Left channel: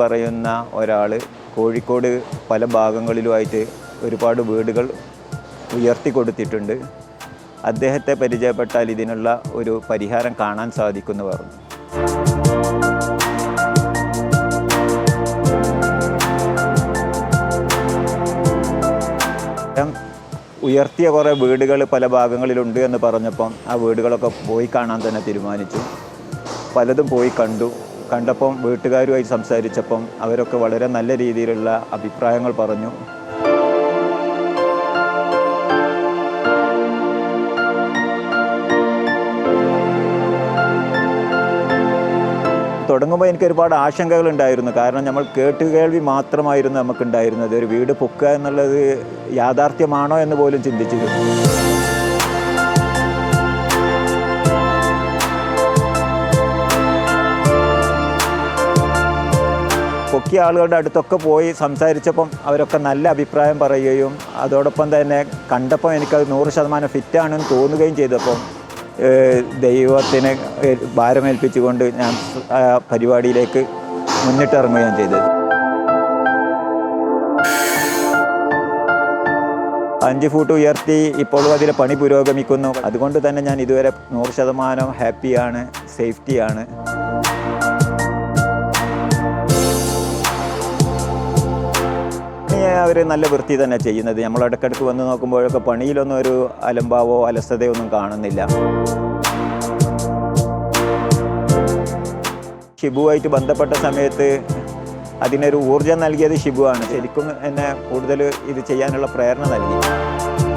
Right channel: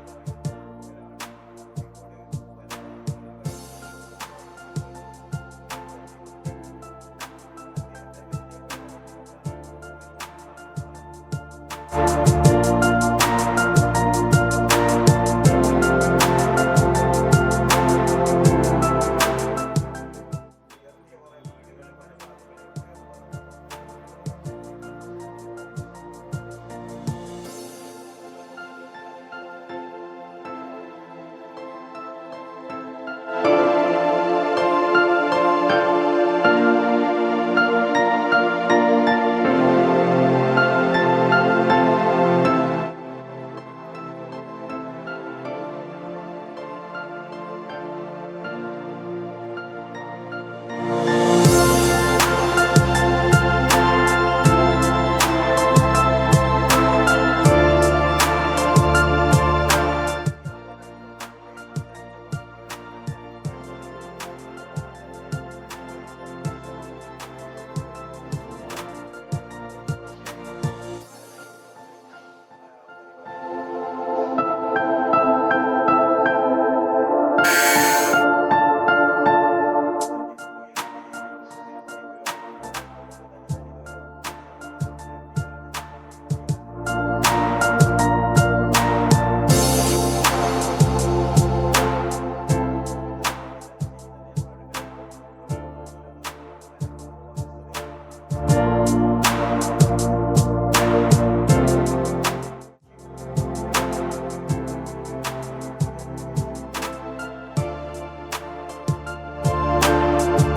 പറയുന്ന ഒരാൾ കോഴിക്കോട് പല ഭാഗങ്ങളിലുമായിട്ട് ഒരുപാട് വീടുകൾ ഉയർത്തി കൊടുത്തിട്ടുണ്ട്. അദ്ദേഹത്തെ പരിചയപ്പെട്ടാൽ ഇതിനുള്ള ഒരു പരിഹാരം കാണാൻ സാധിക്കുമെന്ന് പറഞ്ഞു. ഉയർത്തിയ കുറേ വീടുകൾ പല ഭാഗങ്ങളിലുണ്ട് എന്ന് പറഞ്ഞപ്പം ആ വീടുകളൊക്കെ പോയി കാണാൻ തന്നെ തീരുമാനിച്ചു. പലതും പോയി കണ്ടപ്പം വീട്ടുകാരുമായി സംസാരിച്ചപ്പം അവരൊക്കെ വളരെ നല്ല രീതിയിലുള്ള അഭിപ്രായങ്ങൾ പറഞ്ഞു. തുടങ്ങുമ്പോൾ എനിക്ക് ഒരുപാട് ആശങ്കകളുണ്ടായിരുന്നു. കാരണം നമ്മൾ കേൾവി മാത്രമായിരുന്നു നമുക്കുണ്ടായിരുന്നത്. ഒരു വീട് പൊക്കുക എന്നുള്ളത് യാഥാർത്ഥ്യമാണോ എന്ന് പോലും ചിന്തിച്ചു. പൊക്കിയ ആളുകളുടെ അടുത്തൊക്കെ പോയി സംസാരിച്ചപ്പം അവരൊക്കെ നല്ല അഭിപ്രായം പറയുകയും അതോടൊപ്പം തന്നെ കണ്ടപ്പോൾ എനിക്കത് 100% ഫിറ്റാണെന്ന് തോന്നുകയും ചെയ്തപ്പം ദൈവത്തിനെ ഭാരമേൽപ്പിച്ചുകൊണ്ട് ഞാൻ പരിപാടിയിലേക്ക് മുന്നിട്ടിറങ്ങുകയും ചെയ്തത്. 5 ഫൂട്ട് ഉയർത്തി ഇപ്പോഴും അതിലെ പണി പുരോഗമിക്കുന്നു. അതുകൊണ്ട് തന്നെ ഞാൻ ഇതുവരെ 100% ഹാപ്പിയാണ്, സേഫ്റ്റിയാണ്. അവർ നല്ല വൃത്തി തന്നെ ചെയ്യുന്നത്. നമ്മൾ ഇടയ്ക്കിടയ്ക്ക് വന്ന് നോക്കുമ്പോഴൊക്കെ പണിയിലൊന്നും ഒരു അലംഭാവോ അലസതയോ ഒന്നും കാണുന്നില്ല. ഷിബുവായിട്ട് ബന്ധപ്പെട്ട സമയത്ത് അതിനൊരു ഊർജം നൽകിയത് ഷിബുവാണ്. ശരിക്കും എന്നെ കൂടുതൽ ഇത് ചെയ്യാനുള്ള പ്രേരണ നൽകി.